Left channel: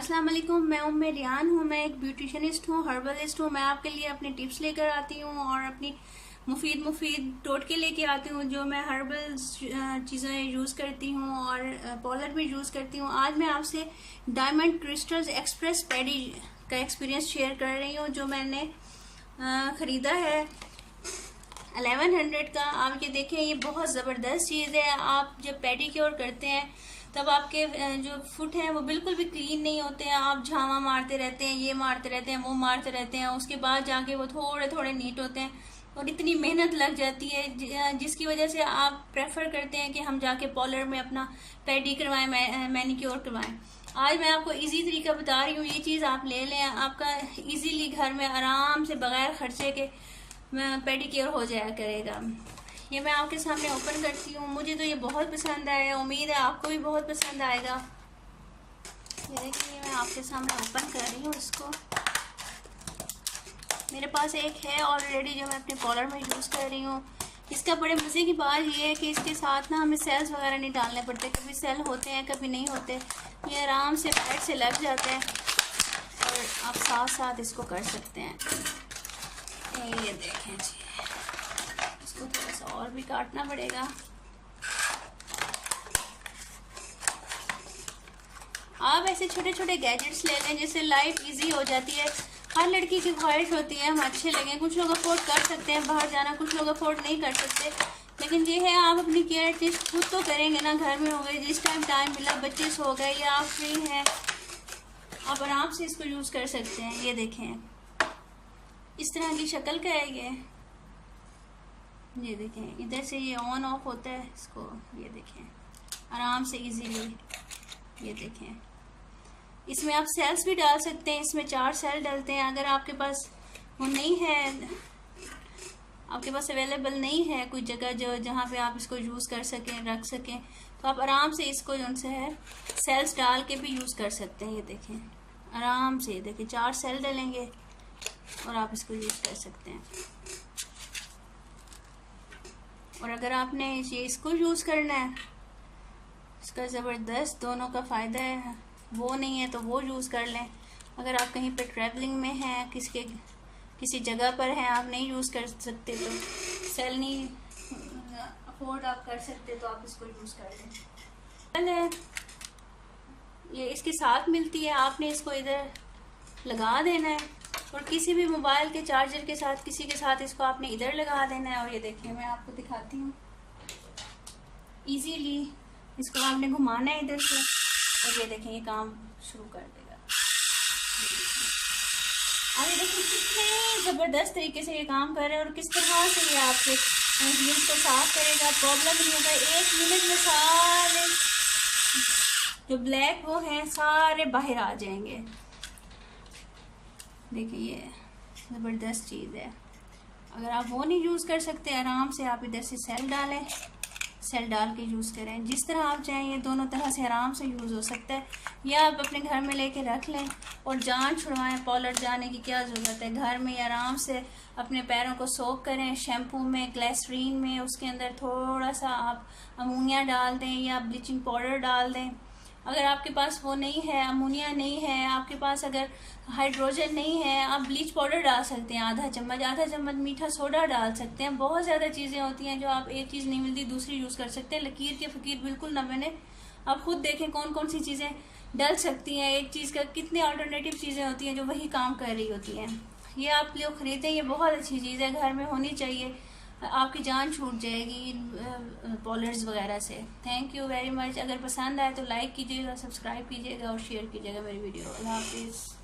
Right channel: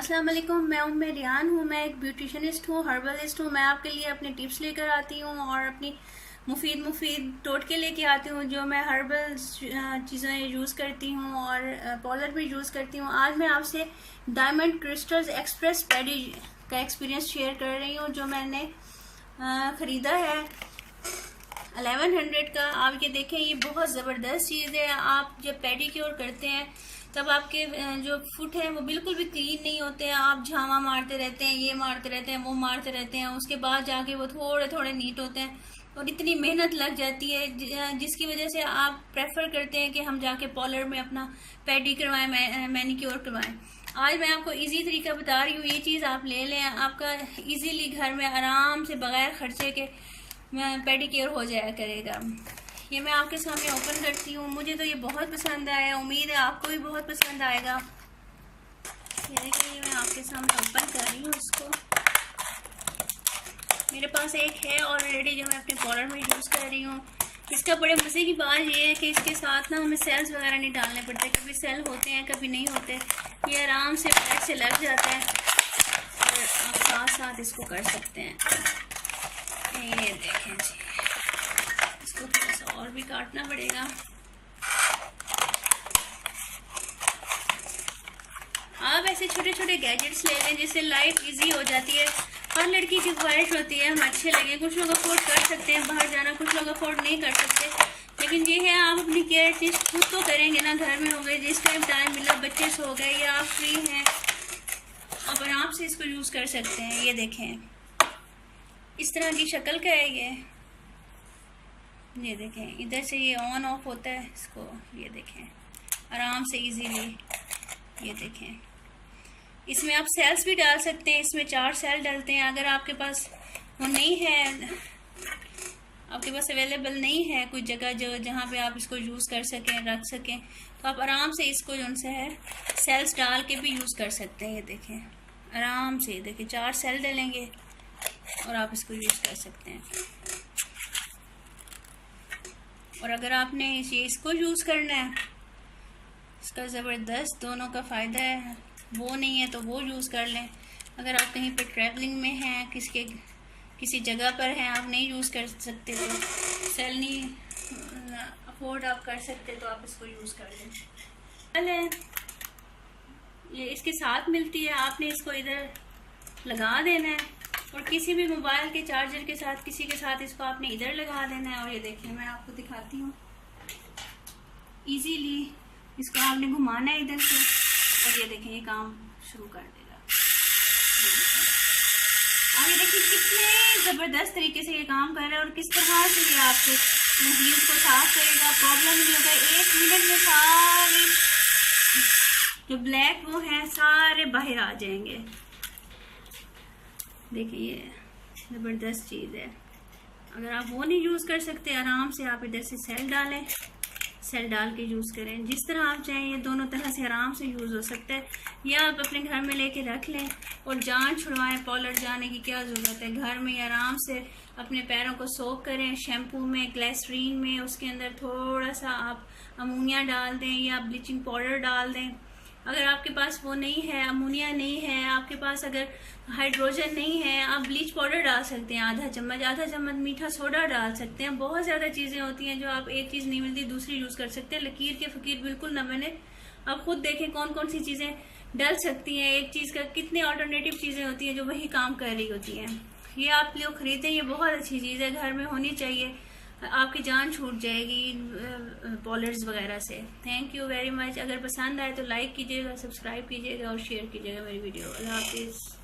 अस्सलाम वालेकुम, मैं रियान हूँ। मैं एक ब्यूटिशनिस्ट हूँ, हर्बलिस्ट हूँ। मैं आपके लिए अपनी टिप्स लेकर आती हूँ और अपनी मुफीद टोटके लेके आती हूँ जो मैं हर्बल चीज़ें यूज़ करती हूँ और पार्लर में यूज़ करती हूँ। आज मैं आपसे डायमंड क्रिस्टल्स एक्सप्रेस पैडी का एक्सपीरियंस शेयर कर रही हूँ जो मैंने ख़रीदा है 1100 का। आप ये देखें, ये बहुत ज़बरदस्त चीज़ है। आप जब पेडिक्योर करते हैं तब आपके जो फुट हैं वो बिल्कुल भी क्लीन नहीं होते हैं। आप झावा मारते रहते हैं, ये मारते रहते हैं, वो मारते रहते हैं, उसके बाद जाके वो थोड़े थोड़े नीट होते हैं और इतनी मेहनत लग जाती है जिसकी वजह से आप प्रेफर करते हैं कि हम जाके पार्लर में अपना पेडी करवाएं, मैनिक्योर करवाएं। आज मैं आपको इजी तरीका बता रही हूँ। ये चीज़ आप ले लें, आपका इजीली घर में आराम से बगैर खर्चे के पेडिक्योर हो जाया करेगा। ये मैं आपके सामने ओपन करती हूँ। मुझे तो ये बहुत पसंद आया, उम्मीद है आपको भी बहुत पसंद आएगा। ये देखिए, मैं आपके सामने ओपन कर रही हूँ इसको। मेरे पास एक है ऑलरेडी जो मैं अपने पार्लर में यूज़ कर रही हूँ। इसका बड़े मज़े की बात ये है कि इसके साथ ना हमें सेल्स वगैरह नहीं डालने पड़ते। कभी सेल होते हैं, कभी नहीं होते। ये आराम से पैर से लग जाता है और आप साथ साथ इसको कर सकते हैं। ये देखें जी, इसको थोड़ा सा और भी काटना पड़ेगा। आप ऐसे छोटे छोटे गैजेट्स ले लें जिससे लाइफ इजी हो जाती है। हर लड़की की ख्वाहिश होती है हम अच्छे लगें। कुछ लोग अफोर्ड कर सकते हैं बाहर जाना, कुछ लोग अफोर्ड नहीं कर सकते, लेकिन ये है आप अपनी केयर चीज़ खुद तो करेंगे ना। घर में हो गए, जिस टाइम मिला, बच्चे सो गए या आप फ्री हैं, आप आराम से इसको यूज़ कर सकते हैं। ये देखें, इस तरह की शक्ल का है ये देखें, इधर से ये ऑन ऑफ होता है इसको। ये देखें, आराम से इजीली। ये देखें, इसमें आप सेल्स भी डाल सकते हैं। इसमें 4 सेल डलते हैं। अगर आपके पास वो नहीं है, आपके पास अवेलेबल नहीं है कोई जगह जो जहाँ पे आप इसको यूज़ कर सकें, रख सकें, तो आप आराम से इसको जो उनसे है सेल्स डाल के भी यूज़ कर सकते हैं। ये देखें, आराम से देखिए 4 सेल डलेंगे और आप इसको यूज़ कर सकते हैं। और अगर आपने इसको यूज़ करना है, इसका ज़बरदस्त दोनों का फ़ायदा है। वो नहीं है तो वो यूज़ कर लें। अगर आप कहीं पर ट्रैवलिंग में हैं, किसी जगह पर हैं, आप नहीं यूज़ कर सकते, तो सेल नहीं अफोर्ड आप कर सकते, तो आप इसको यूज़ कर लें। ये इसके साथ मिलती है, आपने इसको इधर लगा देना है और किसी भी मोबाइल के चार्जर के साथ, किसी के साथ इसको आपने इधर लगा देना है। और ये देखिए, मैं आपको दिखाती हूँ। इजीली इसको आपने घुमाना है इधर से और ये देखें, ये काम शुरू कर देगा। और ये देखिए कितने ज़बरदस्त तरीके से ये काम कर रहा है और किस तरह से ये आपके हील्स को साफ करेगा। प्रॉब्लम नहीं होगा। 1 मिनट में सारे जो ब्लैक वो हैं सारे बाहर आ जाएंगे। देखिए, ज़बरदस्त चीज़ है। अगर आप वो नहीं यूज़ कर सकते, आराम से आप इधर से सेल डालें, सेल डाल के यूज़ करें। जिस तरह आप चाहें, ये दोनों तरह से आराम से यूज़ हो सकता है। या आप अपने घर में लेके रख लें और जान छुड़वाएं। पार्लर जाने की क्या ज़रूरत है, घर में आराम से अपने पैरों को सोक करें शैम्पू में, ग्लिसरीन में। उसके अंदर थोड़ा सा आप अमोनिया डाल दें या ब्लीचिंग पाउडर डाल दें। अगर आपके पास वो नहीं है, अमोनिया नहीं है, आपके पास अगर हाइड्रोजन नहीं है, आप ब्लीच पाउडर डाल सकते हैं। आधा चम्मच मीठा सोडा डाल सकते हैं। बहुत ज़्यादा चीज़ें होती हैं जो आप एक चीज़ नहीं मिलती दूसरी यूज़ कर सकते हैं। लकीर के फ़कीर बिल्कुल ना बने। आप खुद देखें कौन कौन सी चीज़ें डल सकती हैं। एक चीज़ का कितनी अल्टरनेटिव चीज़ें होती हैं जो वही काम कर रही होती हैं। ये आप लोग ख़रीदें, ये बहुत अच्छी चीज़ है, घर में होनी चाहिए। आपकी जान छूट जाएगी पार्लर्स वगैरह से। Thank you very much. अगर पसंद आए तो लाइक कीजिएगा, सब्सक्राइब कीजिएगा और शेयर कीजिएगा मेरी वीडियो। अल्लाह हाफिज़।